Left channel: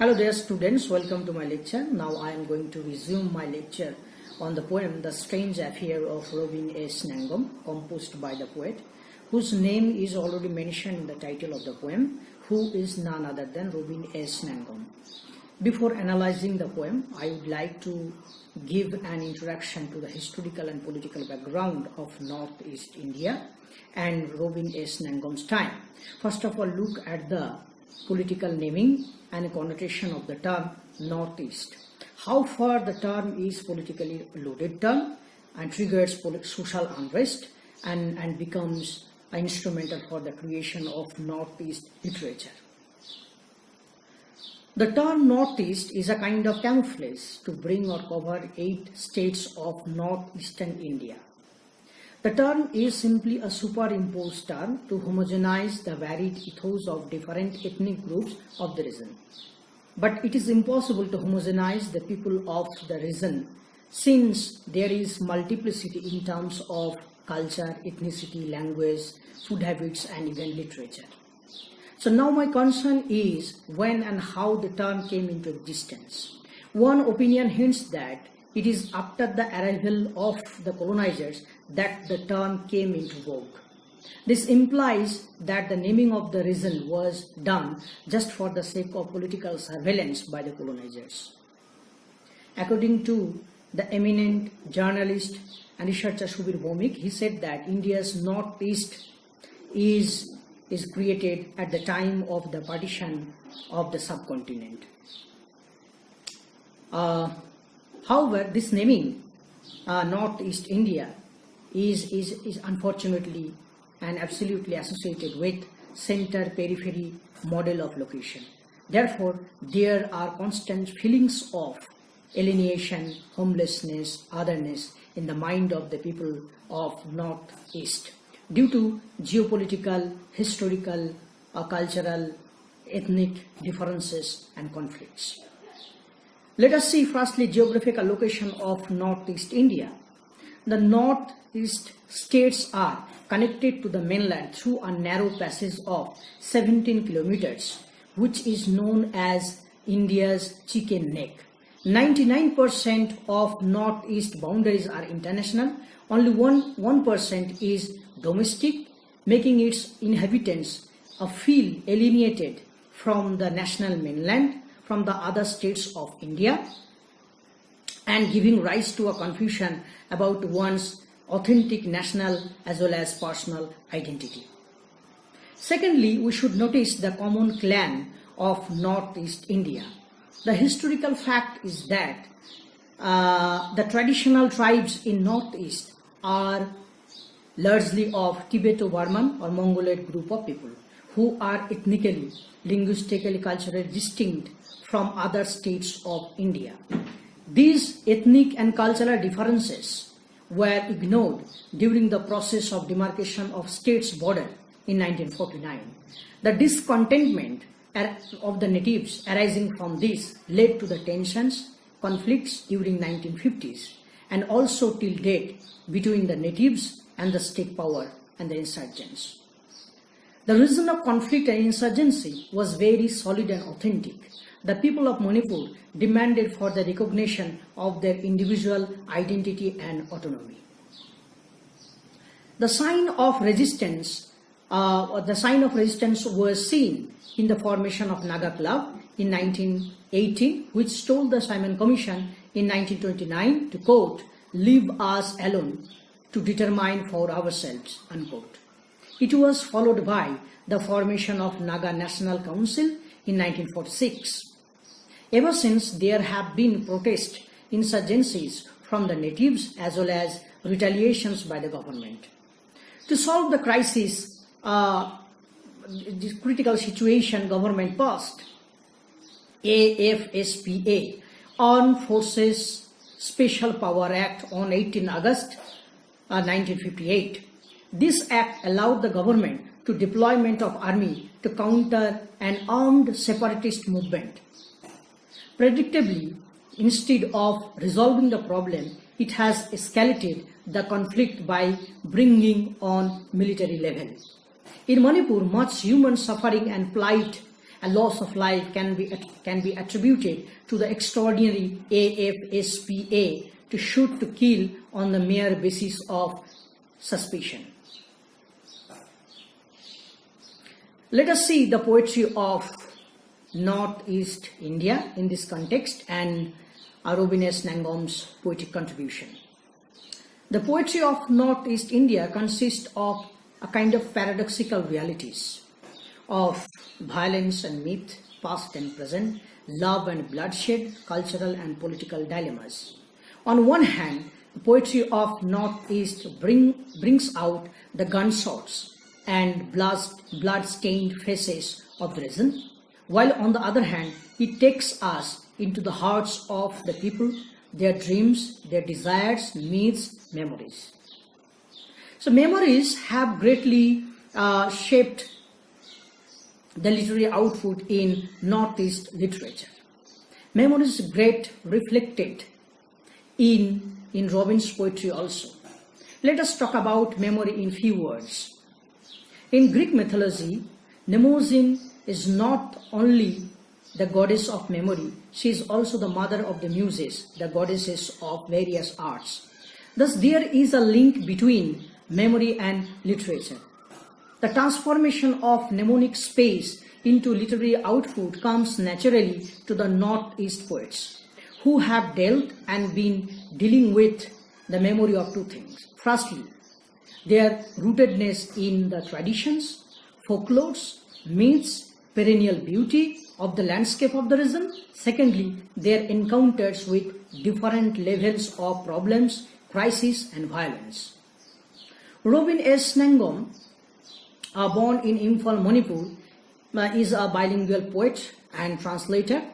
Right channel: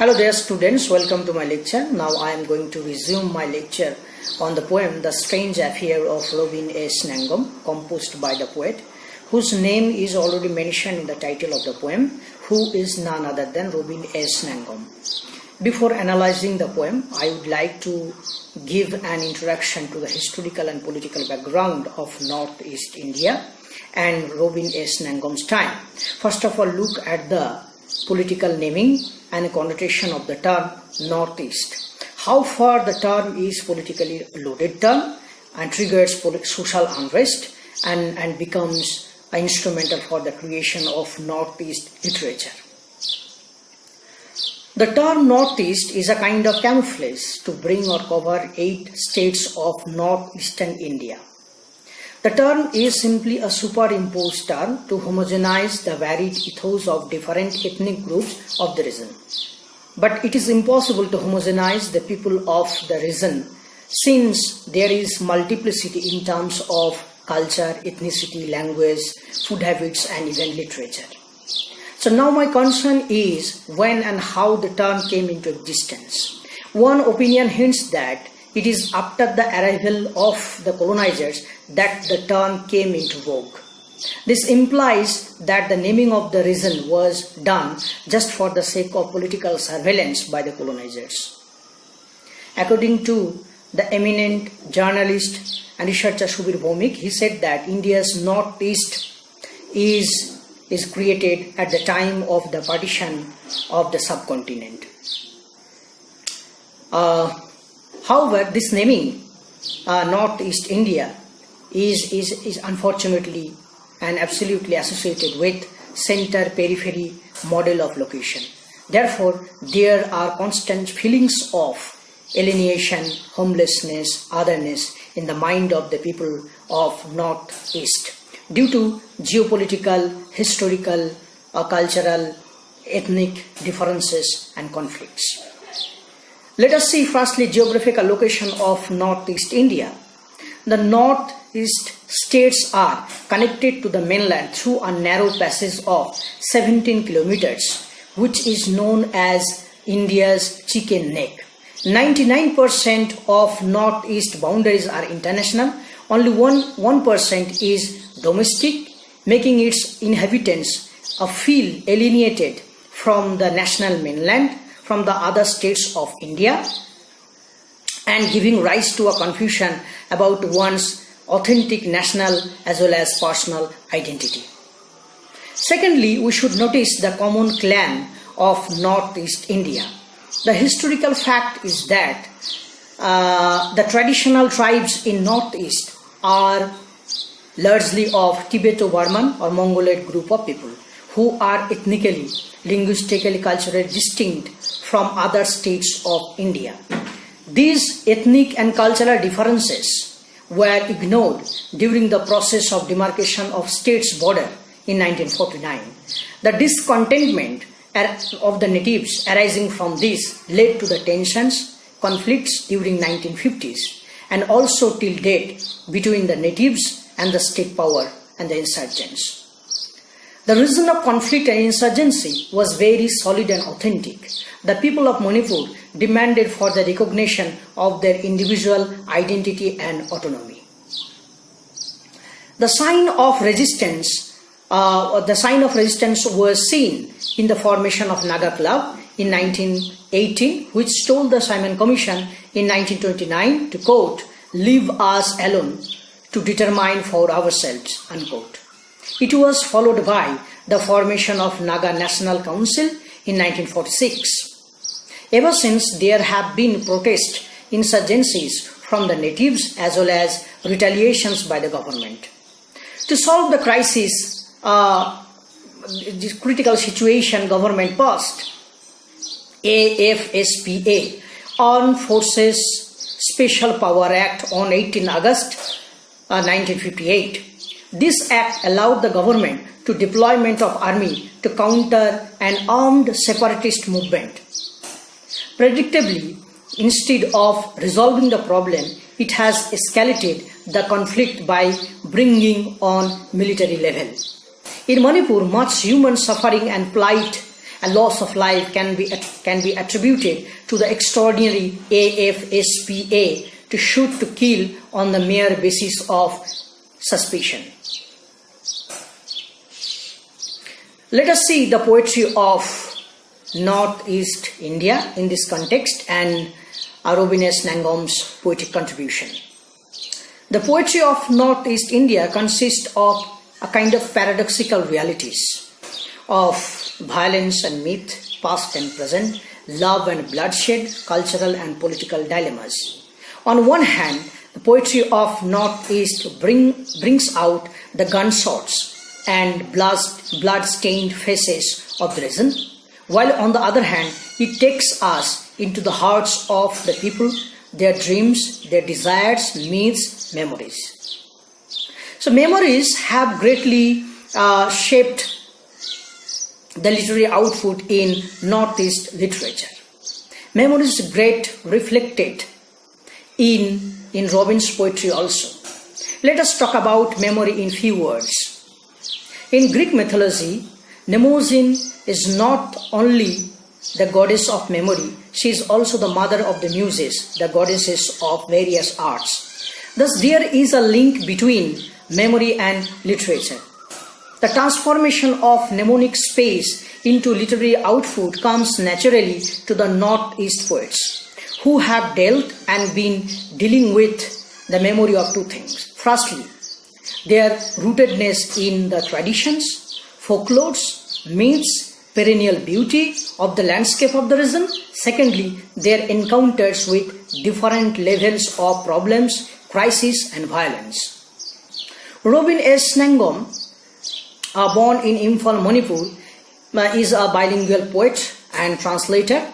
Hello dear students, welcome to my lecture. Now I am going to resume my lecture on the poem The Strange Affair of Robin S. Ngangom, composed by the poet, whose name is already mentioned in the title of the poem, who is none other than Robin S. Ngangom. Before analyzing the poem, I would like to give an introduction to the historical and political background of Northeast India and Robin S. Ngangom's time. First of all, look at the political naming and connotation of the term Northeast. How far the term is politically loaded term and triggers social unrest and becomes instrumental for the creation of Northeast literature. The term Northeast is a kind of camouflage to bring or cover 8 states of northeastern India. The term is simply a superimposed term to homogenize the varied ethos of different ethnic groups of the region. But it is impossible to homogenize the people of the region since there is multiplicity in terms of culture, ethnicity, language, food habits, and even literature. So now my concern is when and how the term came into existence. One opinion hints that it is after the arrival of the colonizers that the term came into vogue. This implies that the naming of the region was done just for the sake of political surveillance by the colonizers. According to the eminent journalist and researcher Subir Bhomik, he said that India's northeast is created at the time of the partition of the subcontinent. However, this naming Northeast India is unfortunately and absolutely associated with center-periphery model of location. Therefore, there are constant feelings of alienation, homelessness, otherness in the mind of the people of Northeast due to geopolitical, historical, cultural, ethnic differences and conflicts. Let us see firstly geographical location of Northeast India. The Northeast states are connected to the mainland through a narrow passage of 17 kilometers, which is known as India's chicken neck. 99% of Northeast boundaries are international. Only 1% is domestic, making its inhabitants feel alienated from the national mainland, from the other states of India, and giving rise to a confusion about one's authentic national as well as personal identity. Secondly, we should notice the common clan of Northeast India. The historical fact is that the traditional tribes in Northeast are largely of Tibeto-Burman or Mongoloid group of people who are ethnically, linguistically, culturally distinct from other states of India. These ethnic and cultural differences were ignored during the process of demarcation of states' border in 1949. The discontentment of the natives arising from this led to the tensions, conflicts during 1950s and also till date between the natives and the state power and the insurgents. The reason of conflict and insurgency was very solid and authentic. The people of Manipur demanded for the recognition of their individual identity and autonomy. The sign of resistance was seen in the formation of Naga Club in 1918, which told the Simon Commission in 1929 to quote, "Leave us alone to determine for ourselves," unquote. It was followed by the formation of Naga National Council in 1946. Ever since, there have been protest insurgencies from the natives as well as retaliations by the government. To solve the crisis, this critical situation, government passed AFSPA, Armed Forces Special Power Act on 18 August 1958. This act allowed the government to deployment of army to counter an armed separatist movement. Predictably, instead of resolving the problem, it has escalated the conflict by bringing on military level. In Manipur, much human suffering and plight A loss of life can be attributed to the extraordinary AFSPA to shoot to kill on the mere basis of suspicion. Let us see the poetry of Northeast India in this context and Robin S. Ngangom's poetic contribution. The poetry of Northeast India consists of a kind of paradoxical realities of violence and myth, past and present, love and bloodshed, cultural and political dilemmas. On one hand, the poetry of Northeast brings out the gunshots and blood-stained faces of the reason, while on the other hand, it takes us into the hearts of the people, their dreams, their desires, needs, memories. So memories have greatly shaped the literary output in Northeast literature. Memories great reflected in Robin's poetry also. Let us talk about memory in few words. In Greek mythology, Mnemosyne is not only the goddess of memory, she is also the mother of the muses, the goddesses of various arts. Thus, there is a link between memory and literature. The transformation of mnemonic space into literary output comes naturally to the Northeast poets, who have dealt and been dealing with the memory of two things. Firstly, their rootedness in the traditions, folklores, myths, perennial beauty of the landscape of the region. Secondly, their encounters with different levels of problems, crisis and violence. Robin S. Ngangom, born in Imphal, Manipur, is a bilingual poet and translator,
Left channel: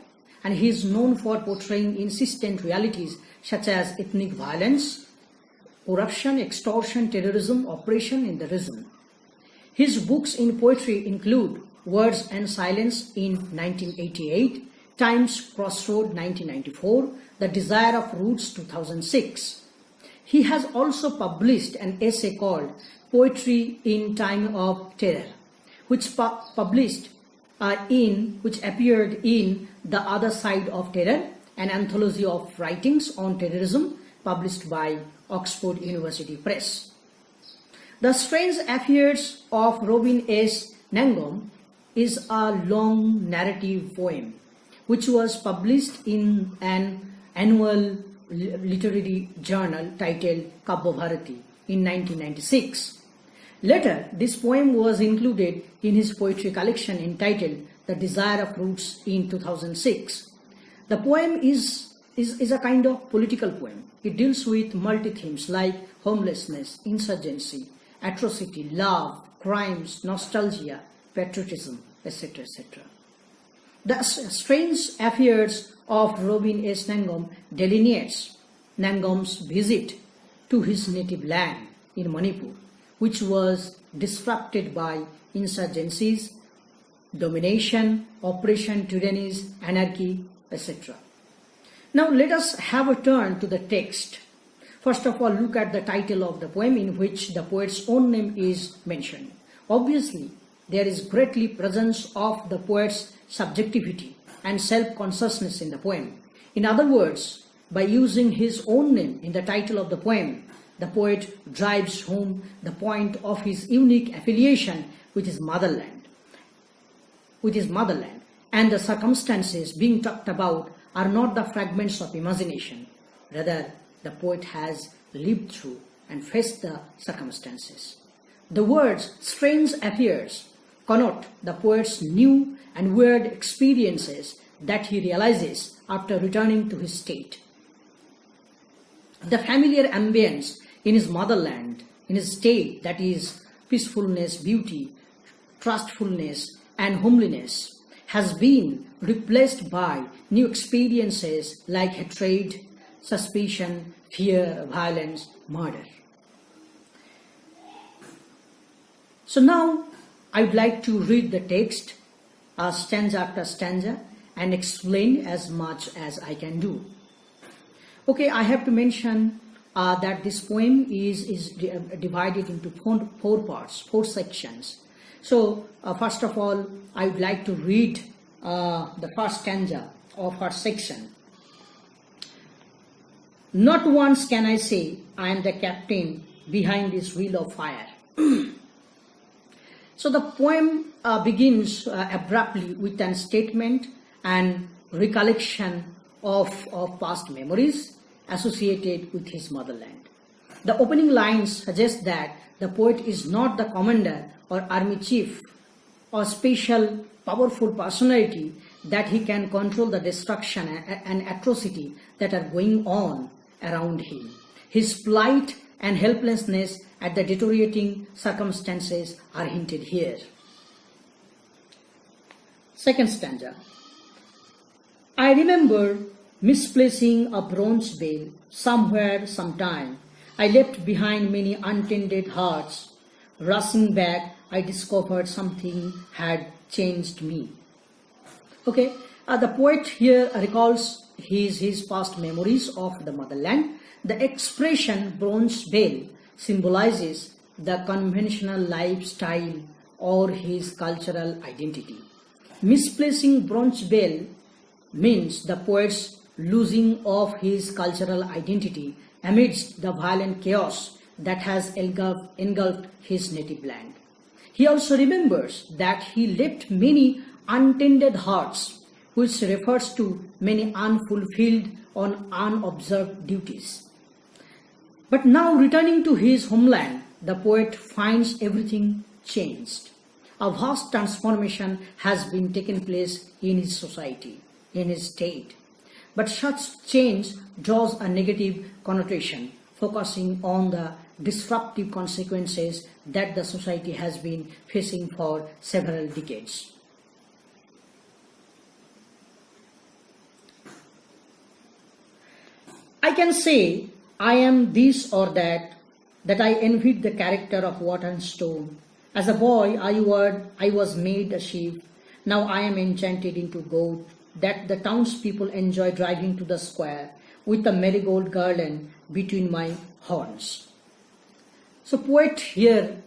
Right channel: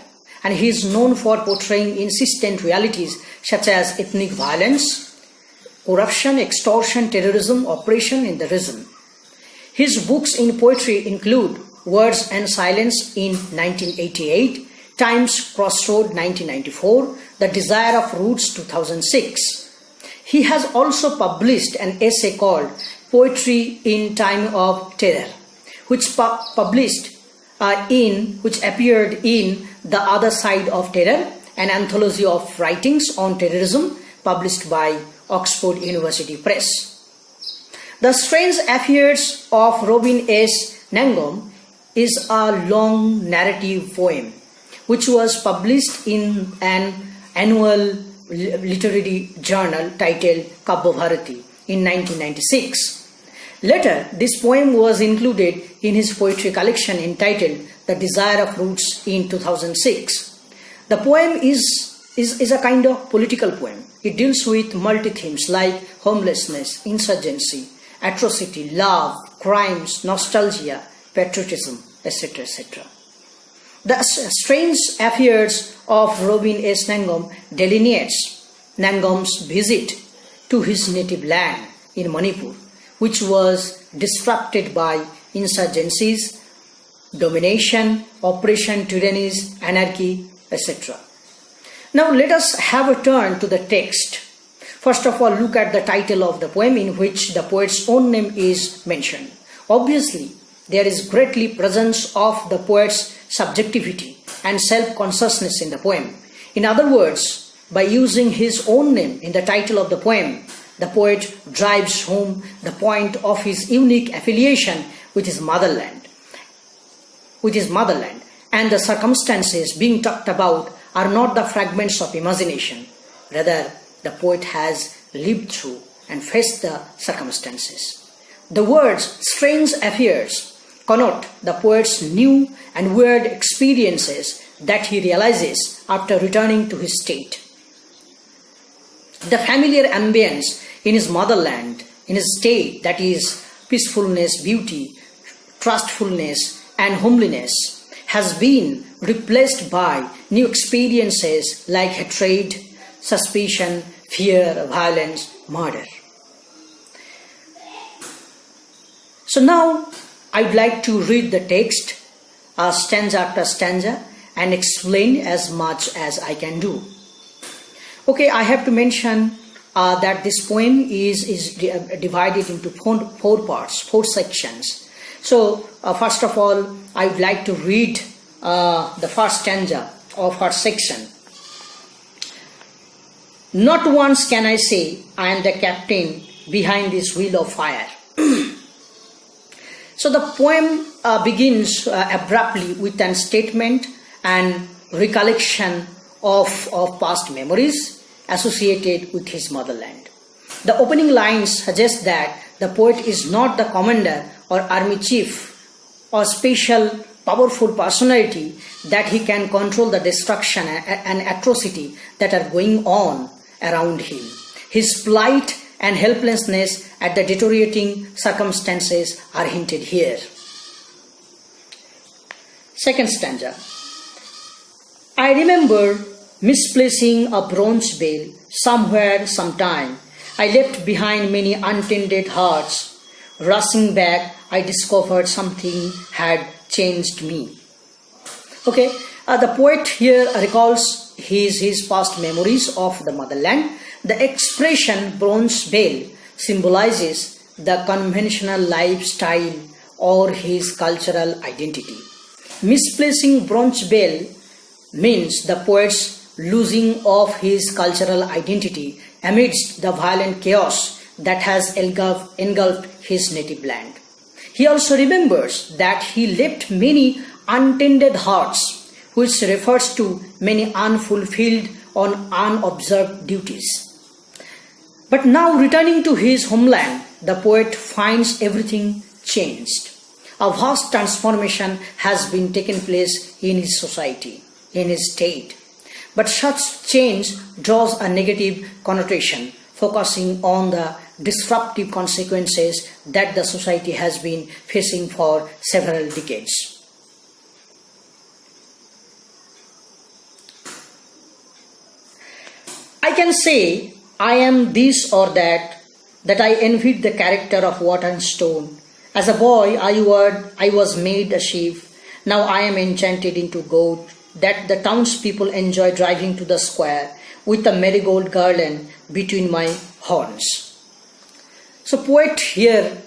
and he is known for portraying insistent realities such as ethnic violence, corruption, extortion, terrorism, oppression in the region. His books in poetry include Words and Silence in 1988, Times Crossroad 1994, The Desire of Roots 2006. He has also published an essay called Poetry in Time of Terror, which appeared in The Other Side of Terror, an anthology of writings on terrorism published by Oxford University Press. The Strange Affairs of Robin S. Ngangom is a long narrative poem which was published in an annual literary journal titled Kavya Bharati in 1996. Later, this poem was included in his poetry collection entitled The Desire of Roots in 2006. The poem is a kind of political poem. It deals with multi-themes like homelessness, insurgency, atrocity, love, crimes, nostalgia, patriotism, etc., etc. The Strange Affairs of Robin S. Ngangom delineates Ngangom's visit to his native land in Manipur, which was disrupted by insurgencies, domination, oppression, tyrannies, anarchy, etc. Now let us have a turn to the text. First of all, look at the title of the poem in which the poet's own name is mentioned. Obviously, there is greatly presence of the poet's subjectivity and self-consciousness in the poem. In other words, by using his own name in the title of the poem, the poet drives home the point of his unique affiliation with his motherland. And the circumstances being talked about are not the fragments of imagination. Rather, the poet has lived through and faced the circumstances. The words strange affairs connote the poet's new and weird experiences that he realizes after returning to his state. The familiar ambience in his motherland, in his state, that is peacefulness, beauty, trustfulness and homeliness, has been replaced by new experiences like hatred, suspicion, fear, violence, murder. So now I would like to read the text stanza after stanza and explain as much as I can do. Okay, I have to mention that this poem is divided into four parts, four sections. So first of all, I would like to read the first stanza of her section. Not once can I say I am the captain behind this wheel of fire. So the poem begins abruptly with an statement and recollection of past memories associated with his motherland. The opening lines suggest that the poet is not the commander or army chief or special powerful personality that he can control the destruction and atrocity that are going on around him. His plight and helplessness at the deteriorating circumstances are hinted here. Second stanza. I remember misplacing a bronze bell somewhere sometime. I left behind many untended hearts. Rushing back, I discovered something had changed me. Okay, the poet here recalls his past memories of the motherland. The expression bronze bell symbolizes the conventional lifestyle or his cultural identity. Misplacing bronze bell means the poet's losing of his cultural identity amidst the violent chaos that has engulfed his native land. He also remembers that he left many untended hearts, which refers to many unfulfilled or unobserved duties. But now returning to his homeland, the poet finds everything changed. A vast transformation has been taken place in his society, in his state. But such change draws a negative connotation, focusing on the disruptive consequences that the society has been facing for several decades. I can say I am this or that I envied the character of water and stone. As a boy, I was made a sheep. Now I am enchanted into goat, that the townspeople enjoy driving to the square with a marigold garland between my horns. So poet here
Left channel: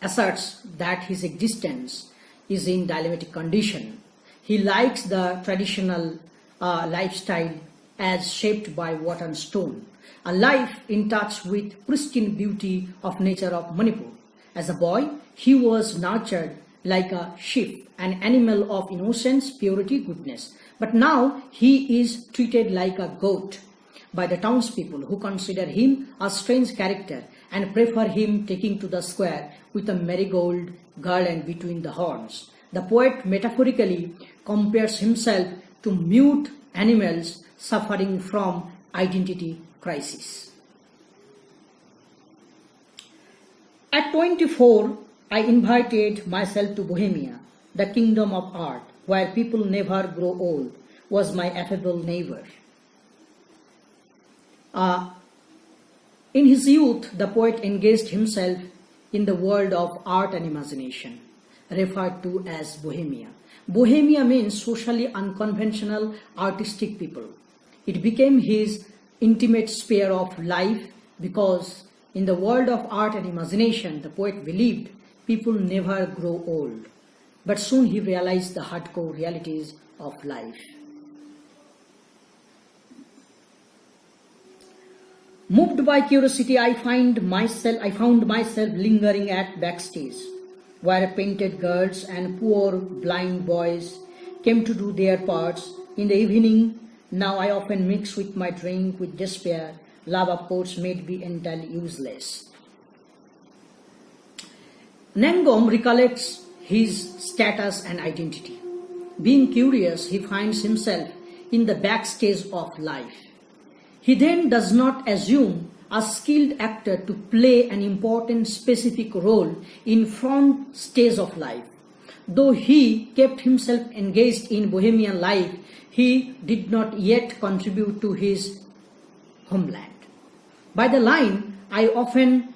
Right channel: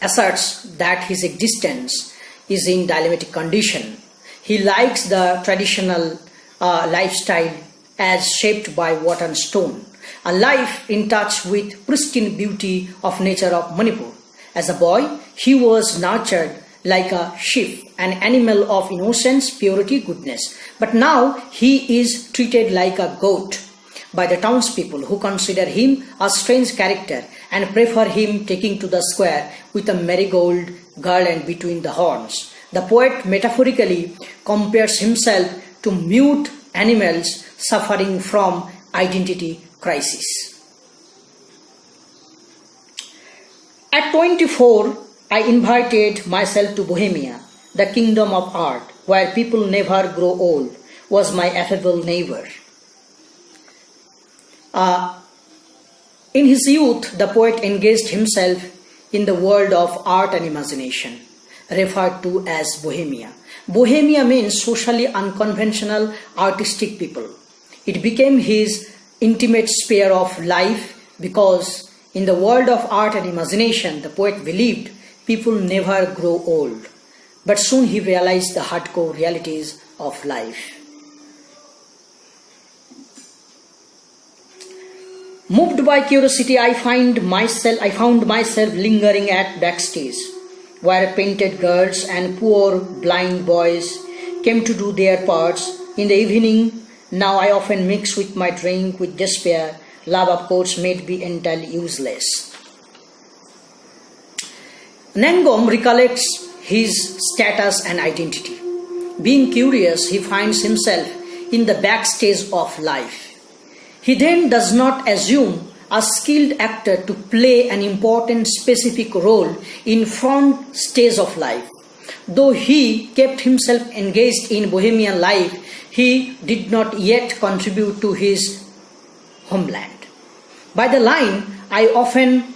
asserts that his existence is in dilemmatic condition. He likes the traditional lifestyle as shaped by water and stone, a life in touch with pristine beauty of nature of Manipur. As a boy, he was nurtured like a sheep, an animal of innocence, purity, goodness. But now he is treated like a goat by the townspeople, who consider him a strange character and prefer him taking to the square with a marigold garland between the horns. The poet metaphorically compares himself to mute animals suffering from identity crisis. At 24, I invited myself to Bohemia, the kingdom of art, where people never grow old, was my affable neighbor. In his youth, the poet engaged himself in the world of art and imagination, referred to as Bohemia. Bohemia means socially unconventional, artistic people. It became his intimate sphere of life because in the world of art and imagination, the poet believed people never grow old. But soon he realized the hardcore realities of life. Moved by curiosity, I found myself lingering at backstage, where painted girls and poor blind boys came to do their parts. In the evening, now I often mix with my drink with despair. Love, of course, made me entirely useless. Ngangom recollects his status and identity. Being curious, he finds himself in the backstage of life. He then does not assume a skilled actor to play an important specific role in front stage of life. Though he kept himself engaged in Bohemian life, he did not yet contribute to his homeland. By the line, I often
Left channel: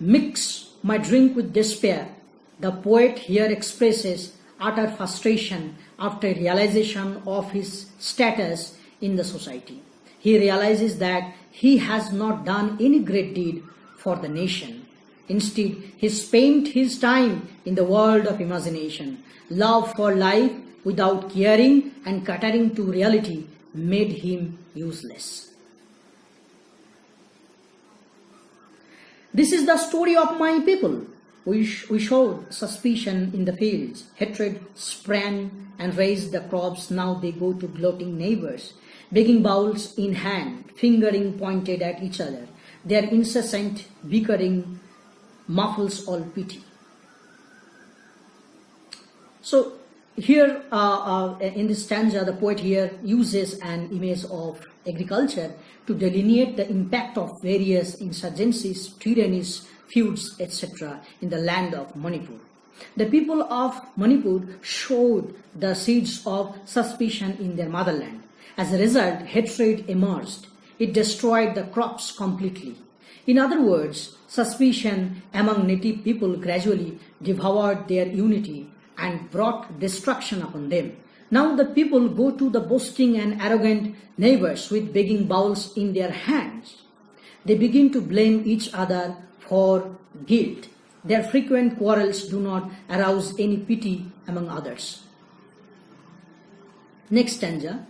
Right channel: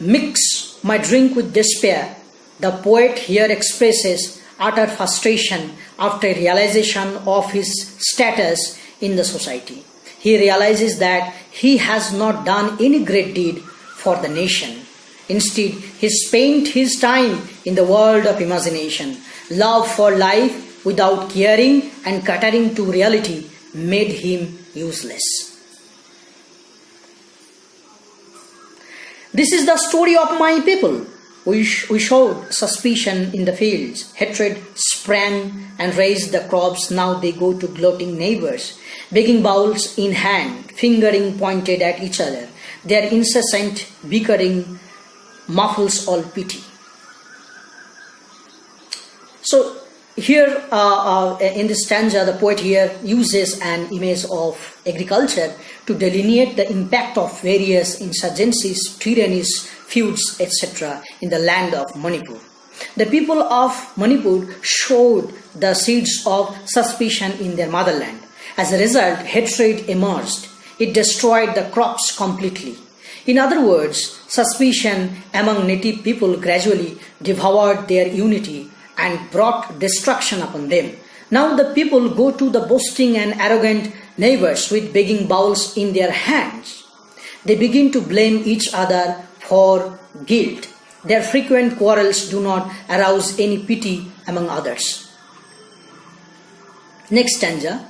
mix my drink with despair, the poet here expresses utter frustration after realization of his status in the society. He realizes that he has not done any great deed for the nation Instead, he spent his time in the world of imagination. Love for life without caring and catering to reality made him useless. This is the story of my people. We showed suspicion in the fields. Hatred sprang and raised the crops. Now they go to gloating neighbors, begging bowls in hand, fingering pointed at each other. Their incessant bickering muffles all pity. So here in this stanza, the poet here uses an image of agriculture to delineate the impact of various insurgencies, tyrannies, feuds, etc. in the land of Manipur. The people of Manipur showed the seeds of suspicion in their motherland. As a result, hatred emerged. It destroyed the crops completely. In other words, suspicion among native people gradually devoured their unity and brought destruction upon them. Now the people go to the boasting and arrogant neighbors with begging bowls in their hands. They begin to blame each other for guilt. Their frequent quarrels do not arouse any pity among others. Next stanza.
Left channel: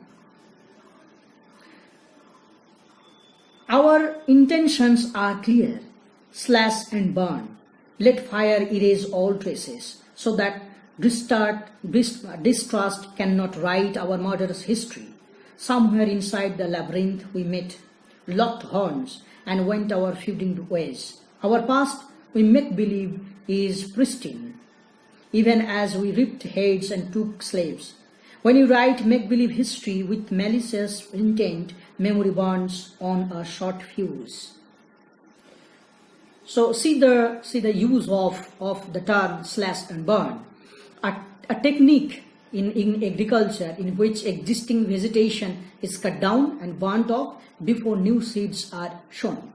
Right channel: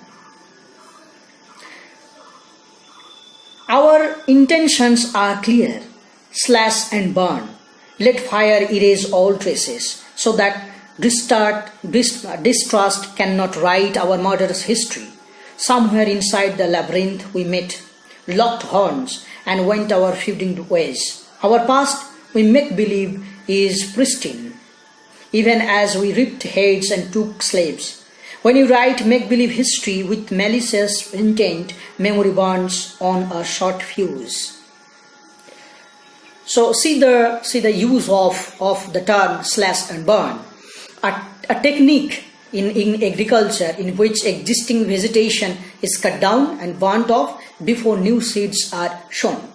Our intentions are clear. Slash and burn. Let fire erase all traces, so that distrust cannot write our murderous history. Somewhere inside the labyrinth we met, locked horns, and went our feuding ways. Our past, we make believe, is pristine, even as we ripped heads and took slaves. When you write make-believe history with malicious intent, memory burns on a short fuse. So see the use of the term slash and burn, a technique in agriculture in which existing vegetation is cut down and burnt off before new seeds are sown.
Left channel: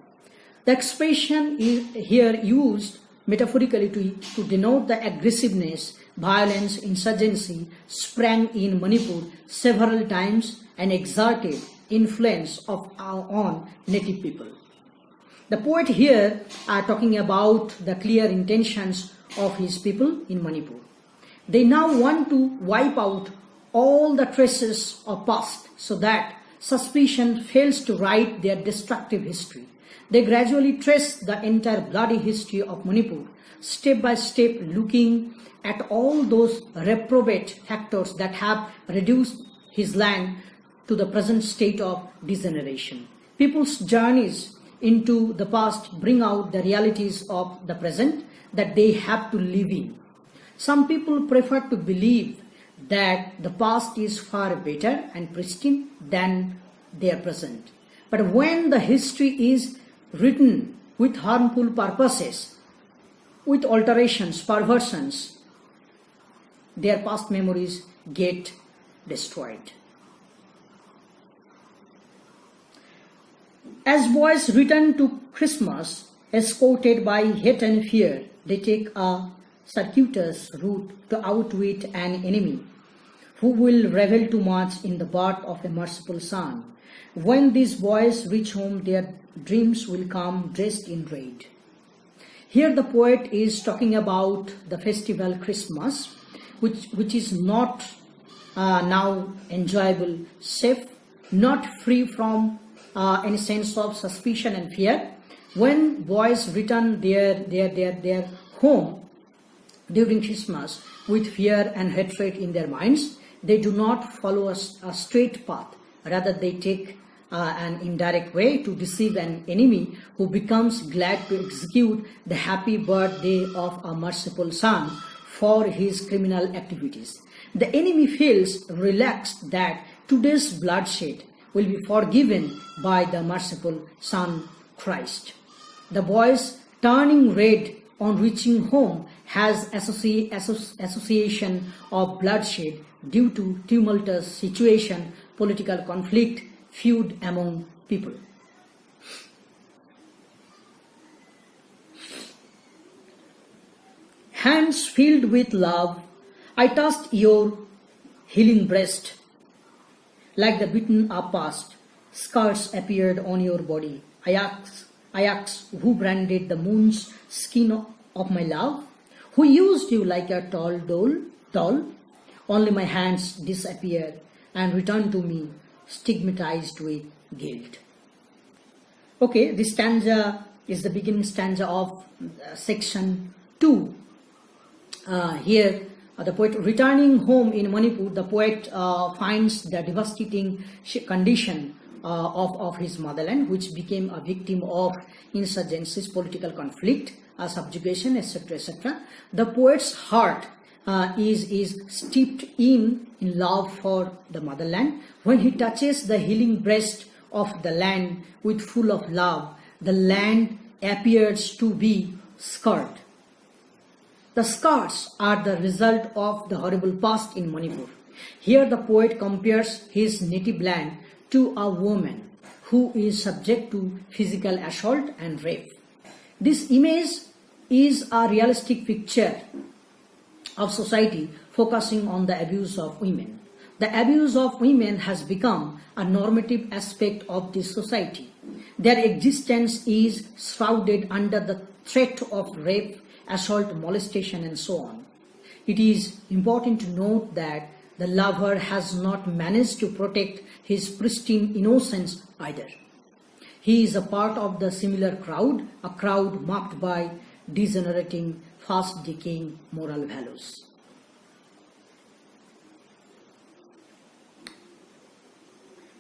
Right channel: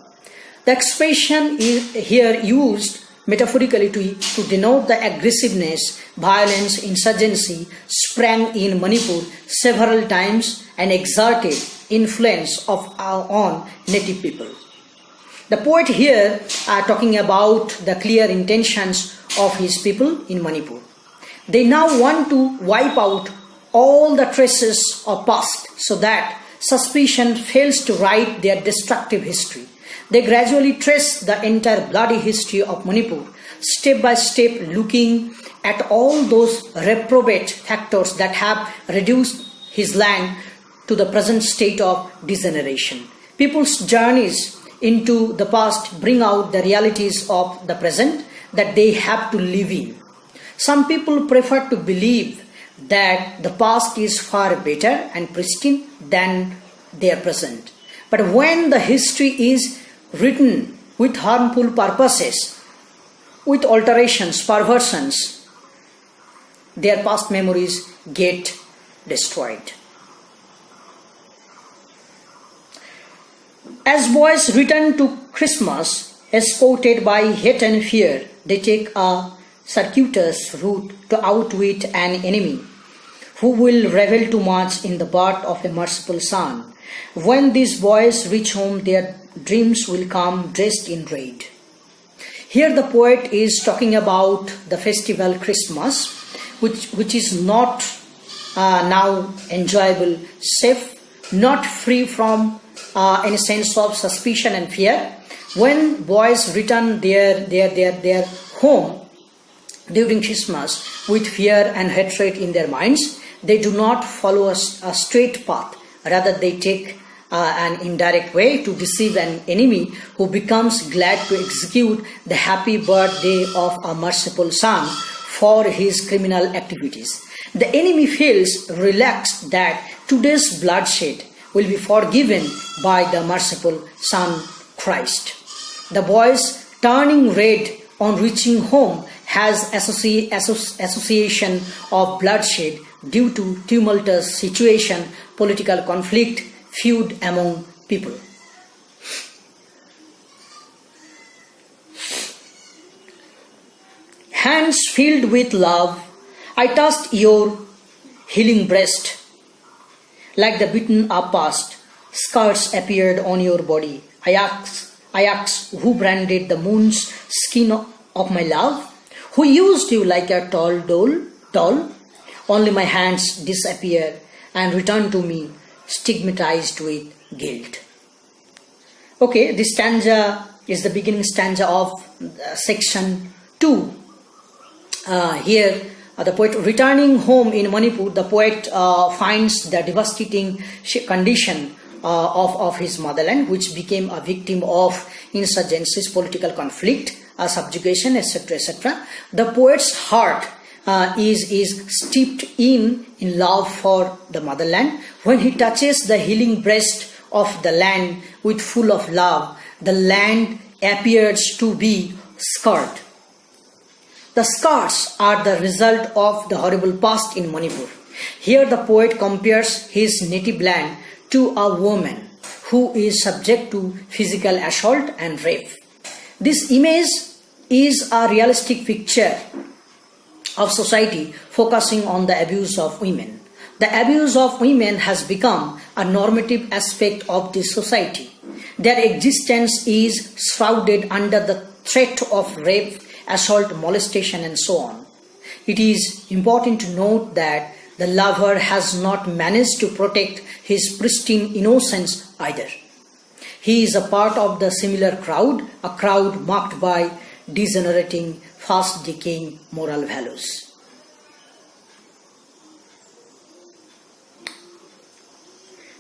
The expression is here used metaphorically to denote the aggressiveness, violence, insurgency sprang in Manipur several times and exerted influence on native people. The poet here are talking about the clear intentions of his people in Manipur. They now want to wipe out all the traces of past so that suspicion fails to write their destructive history. They gradually trace the entire bloody history of Manipur, step by step, looking at all those reprobate factors that have reduced his land to the present state of degeneration. People's journeys into the past bring out the realities of the present that they have to live in. Some people prefer to believe that the past is far better and pristine than their present. But when the history is written with harmful purposes, with alterations, perversions, their past memories get destroyed. As boys return to Christmas, escorted by hate and fear, they take a circuitous route to outwit an enemy who will revel too much in the birth of a merciful son. When these boys reach home, their dreams will come dressed in red. Here the poet is talking about the festival Christmas, which is not now enjoyable, safe, not free from any sense of suspicion and fear. When boys return their home during Christmas with fear and hatred in their minds, they do not follow a straight path. Rather, they take an indirect way to deceive an enemy who becomes glad to execute the happy birthday of a merciful son for his criminal activities. The enemy feels relaxed that today's bloodshed will be forgiven by the merciful Son Christ. The boys turning red on reaching home has association of bloodshed due to tumultuous situation, political conflict, feud among people. Hands filled with love, I touched your healing breast. Like the beaten up past, scars appeared on your body. I I ask, who branded the moon's skin of my love? Who used you like a doll? Only my hands disappear and return to me, stigmatized with guilt. Okay, this stanza is the beginning stanza of section 2. Here, the poet returning home in Manipur, the poet finds the devastating condition of his motherland, which became a victim of insurgencies, political conflict, subjugation, etc., etc. The poet's heart is steeped in love for the motherland. When he touches the healing breast of the land with full of love, the land appears to be scarred. The scars are the result of the horrible past in Manipur. Here the poet compares his native land to a woman who is subject to physical assault and rape. This image is a realistic picture of society focusing on the abuse of women. The abuse of women has become a normative aspect of this society. Their existence is shrouded under the threat of rape, assault, molestation, and so on. It is important to note that the lover has not managed to protect his pristine innocence either. He is a part of the similar crowd, a crowd marked by degenerating, fast decaying moral values.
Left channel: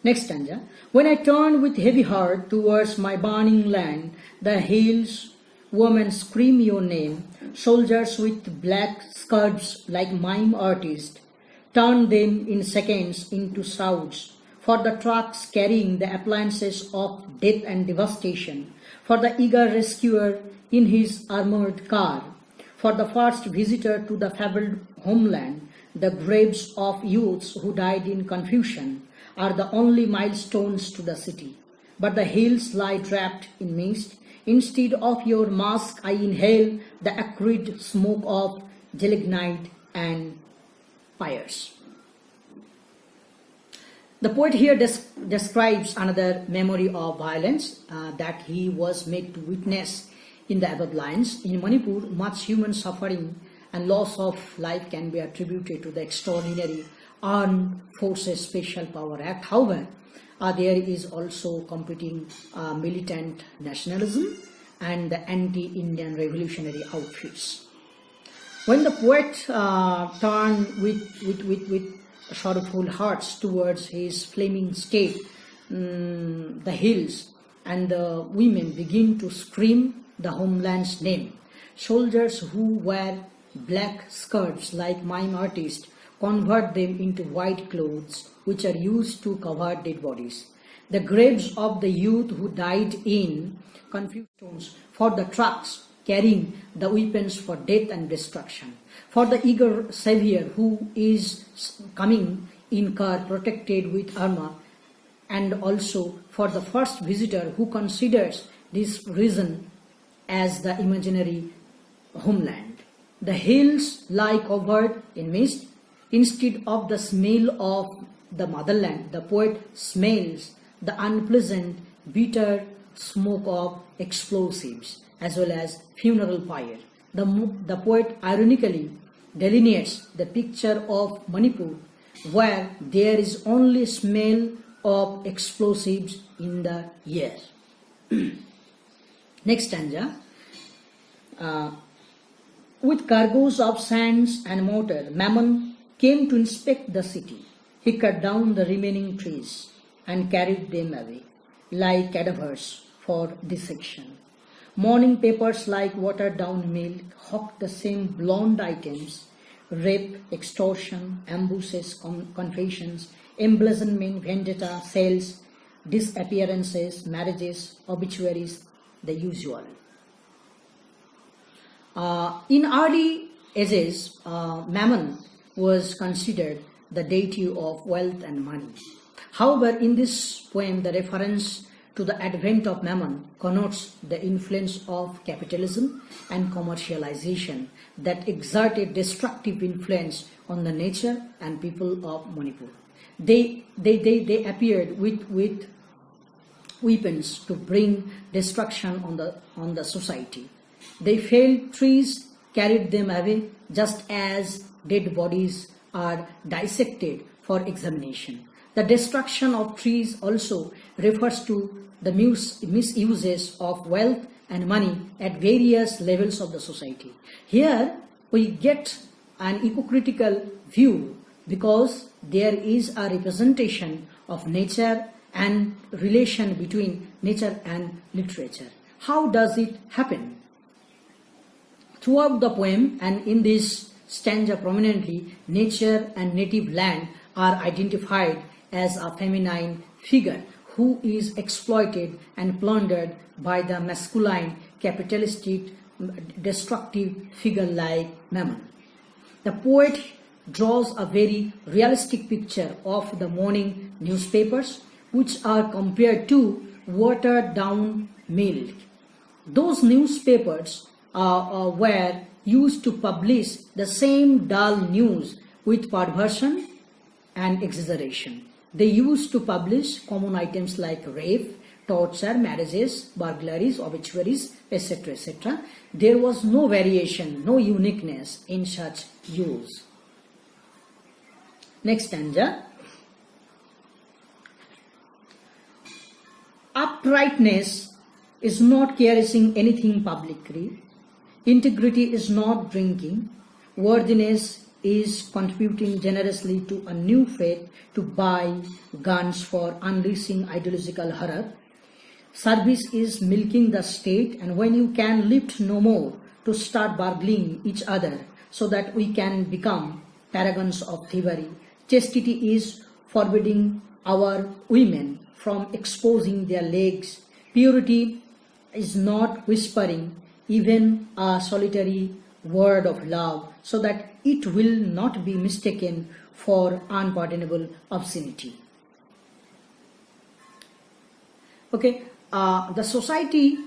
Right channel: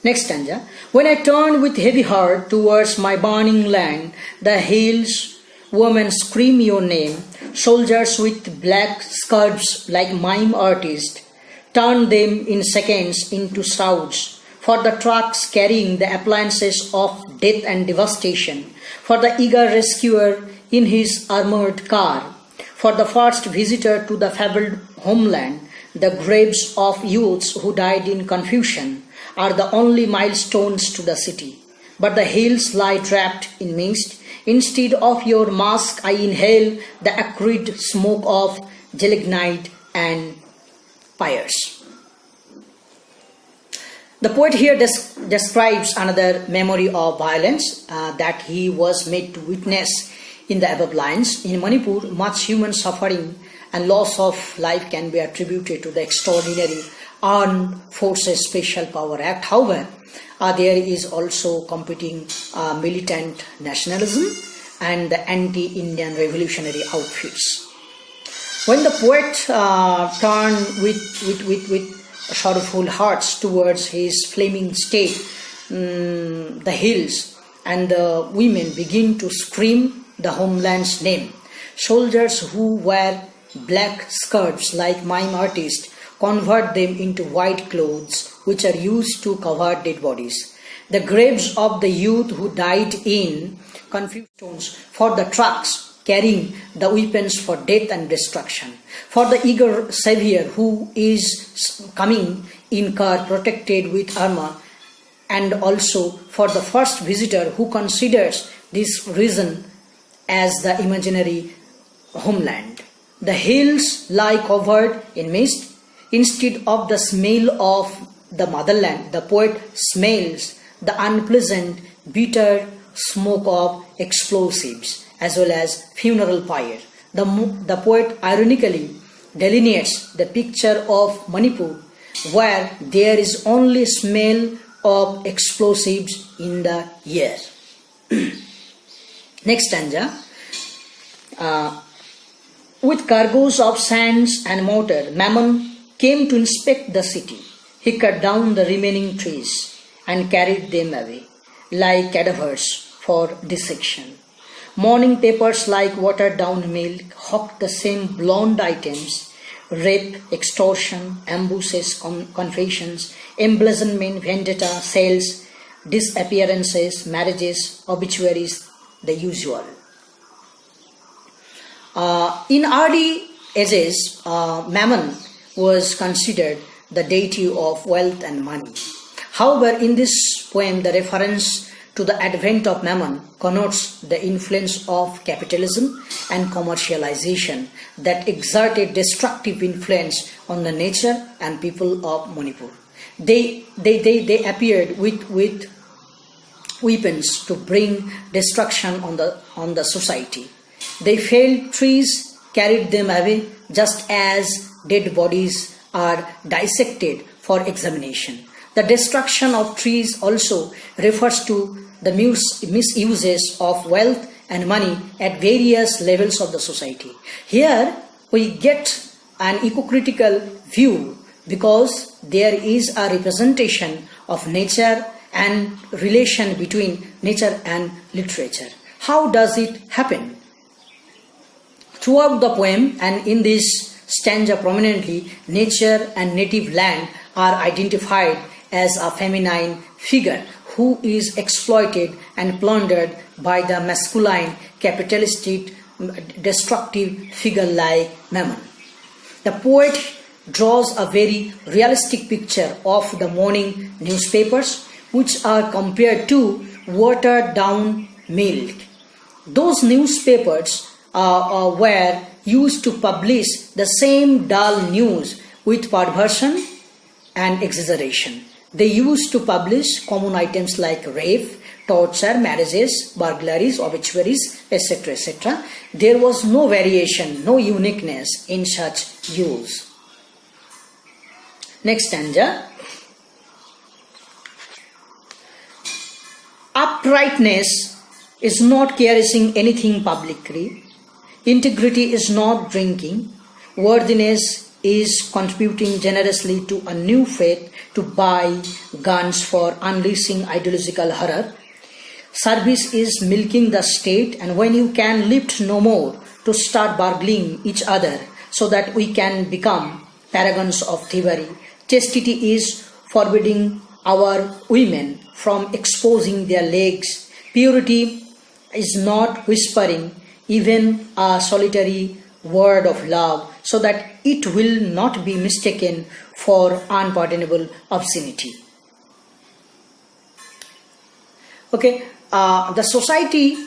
Next stanza. When I turn with heavy heart towards my burning land, the hills, women scream your name, soldiers with black skirts like mime artists turn them in seconds into shrouds, for the trucks carrying the appliances of death and devastation, for the eager rescuer in his armored car, for the first visitor to the fabled homeland. The graves of youths who died in confusion are the only milestones to the city. But the hills lie wrapped in mist. Instead of your mask, I inhale the acrid smoke of gelignite and pyres. The poet here describes another memory of violence that he was made to witness in the above lines. In Manipur, much human suffering and loss of life can be attributed to the extraordinary Armed Forces Special Power Act. However, there is also competing militant nationalism and the anti-Indian revolutionary outfits. When the poet turned with sorrowful hearts towards his flaming state, the hills and the women begin to scream the homeland's name. Soldiers who wear black skirts like mime artists convert them into white clothes which are used to cover dead bodies. The graves of the youth who died in confused stones, for the trucks carrying the weapons for death and destruction, for the eager savior who is coming in car protected with armor, and also for the first visitor who considers this region as the imaginary homeland. The hills lie covered in mist. Instead of the smell of the motherland, the poet smells the unpleasant, bitter smoke of explosives as well as funeral pyre. The poet ironically delineates the picture of Manipur where there is only smell of explosives in the air. Next stanza. With cargoes of sands and mortar, Mammon came to inspect the city. He cut down the remaining trees and carried them away, like cadavers for dissection. Morning papers like watered down milk hawked the same blonde items: rape, extortion, ambushes, confessions, embezzlement, vendetta, sales, disappearances, marriages, obituaries, the usual. In early ages, Mammon was considered the deity of wealth and money. However, in this poem, the reference to the advent of Mammon connotes the influence of capitalism and commercialization that exerted destructive influence on the nature and people of Manipur. They appeared with weapons to bring destruction on the society. They felled trees, carried them away, just as dead bodies are dissected for examination. The destruction of trees also refers to the misuses of wealth and money at various levels of the society. Here we get an eco-critical view because there is a representation of nature and relation between nature and literature. How does it happen? Throughout the poem and in this stanza prominently, nature and native land are identified as a feminine figure who is exploited and plundered by the masculine, capitalistic, destructive figure like Mammon. The poet draws a very realistic picture of the morning newspapers, which are compared to watered down milk. Those newspapers were used to publish the same dull news with perversion and exaggeration. They used to publish common items like rape, torture, marriages, burglaries, obituaries, etc. etc. There was no variation, no uniqueness in such use. Next stanza. Uprightness is not caressing anything publicly. Integrity is not drinking. Worthiness is contributing generously to a new faith to buy guns for unleashing ideological horror. Service is milking the state, and when you can lift no more, to start burgling each other so that we can become paragons of thievery. Chastity is forbidding our women from exposing their legs. Purity is not whispering even a solitary word of love so that it will not be mistaken for unpardonable obscenity. Okay, the society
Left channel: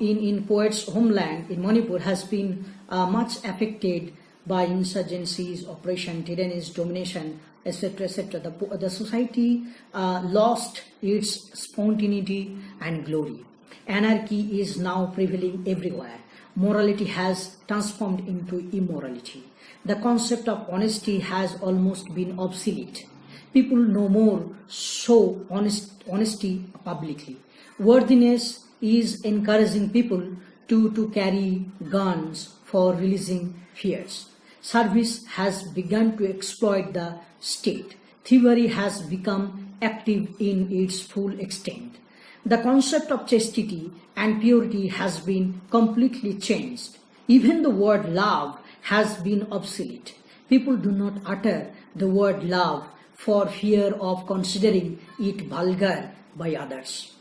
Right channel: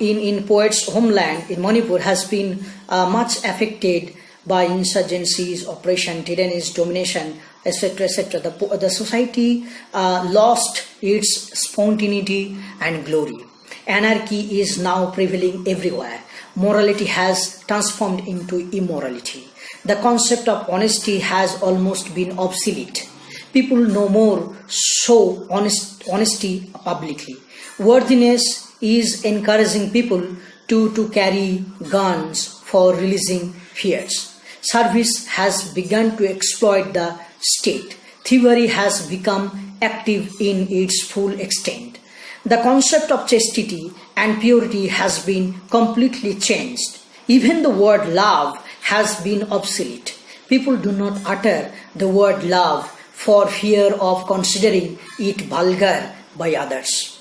in poet's homeland in Manipur has been much affected by insurgencies, oppression, tyrannies, domination, etc. etc. The society lost its spontaneity and glory. Anarchy is now prevailing everywhere. Morality has transformed into immorality. The concept of honesty has almost been obsolete. People no more show honesty publicly. Worthiness is encouraging people to carry guns for releasing fears. Service has begun to exploit the state. Thievery has become active in its full extent. The concept of chastity and purity has been completely changed. Even the word love has been obsolete. People do not utter the word love for fear of considering it vulgar by others.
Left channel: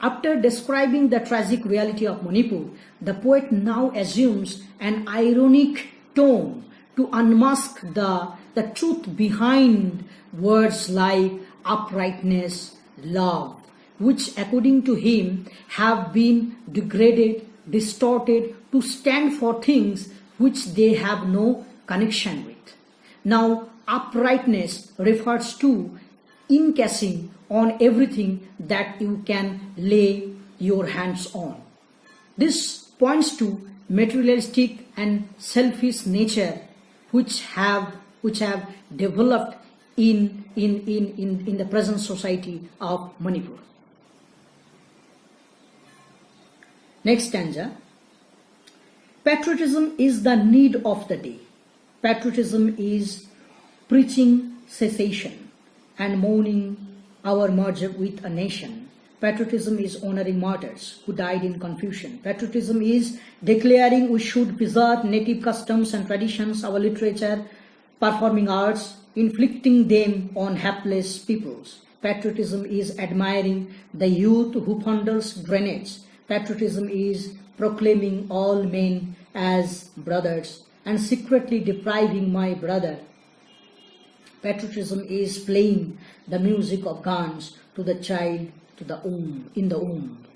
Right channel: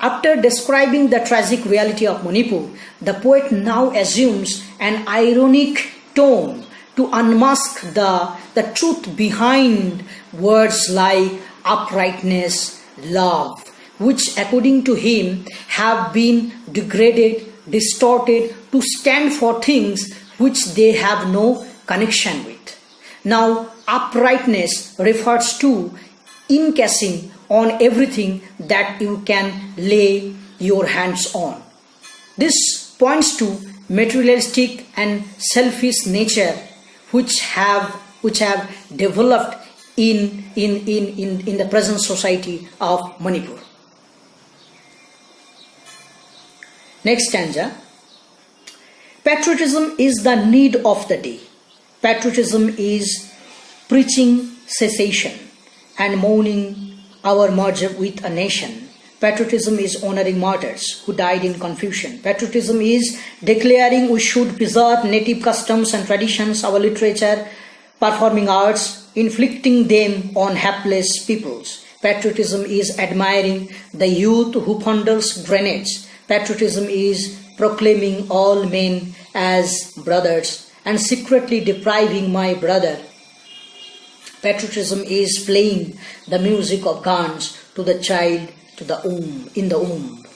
After describing the tragic reality of Manipur, the poet now assumes an ironic tone to unmask the truth behind words like uprightness, love, which according to him have been degraded, distorted to stand for things which they have no connection with. Now, uprightness refers to encasing on everything that you can lay your hands on. This points to materialistic and selfish nature which have developed in the present society of Manipur. Next stanza. Patriotism is the need of the day. Patriotism is preaching cessation and mourning our merger with a nation. Patriotism is honoring martyrs who died in confusion. Patriotism is declaring we should preserve native customs and traditions, our literature, performing arts, inflicting them on hapless peoples. Patriotism is admiring the youth who fondles grenades. Patriotism is proclaiming all men as brothers and secretly depriving my brother. Patriotism is playing the music of guns to the child in the womb.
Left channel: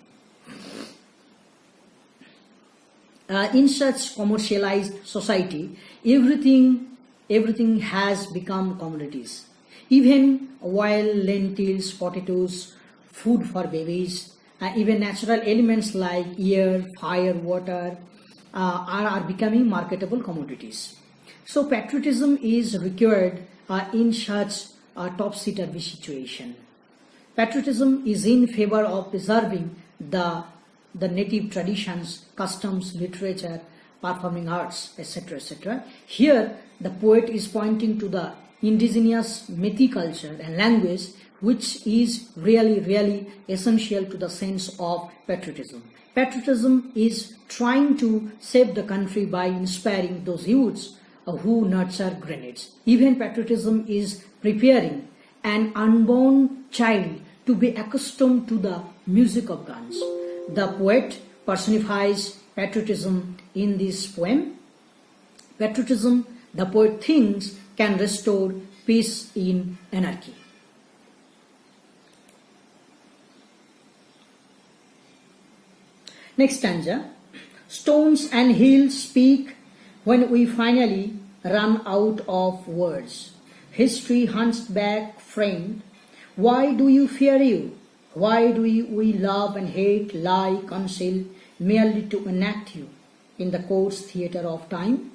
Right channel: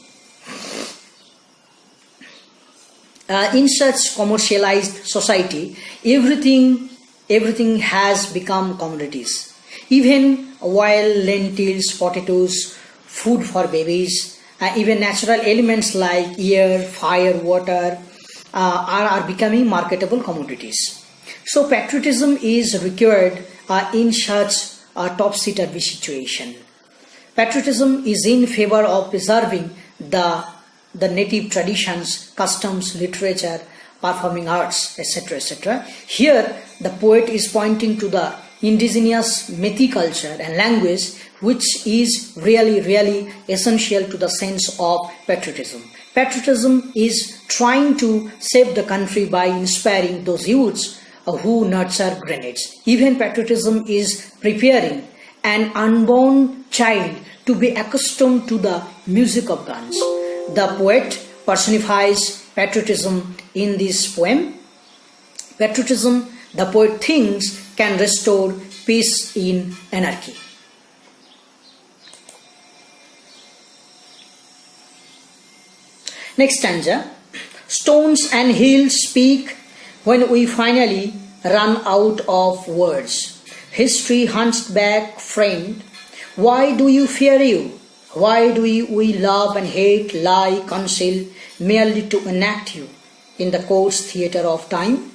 In such commercialized society, everything has become commodities. Even while lentils, potatoes, food for babies, even natural elements like air, fire, water are becoming marketable commodities. So patriotism is required in such a topsy-turvy situation. Patriotism is in favor of preserving the native traditions, customs, literature, performing arts, etc., etc. Here, the poet is pointing to the indigenous Methi culture and language, which is really essential to the sense of patriotism. Patriotism is trying to save the country by inspiring those youths who nurture grenades. Even patriotism is preparing an unborn child to be accustomed to the music of guns. The poet personifies patriotism in this poem. Patriotism, the poet thinks, can restore peace in anarchy. Next stanza. Stones and hills speak when we finally run out of words. History hunts back, friend. Why do you fear you? Why do we love and hate, lie, conceal, merely to enact you in the coarse theatre of time?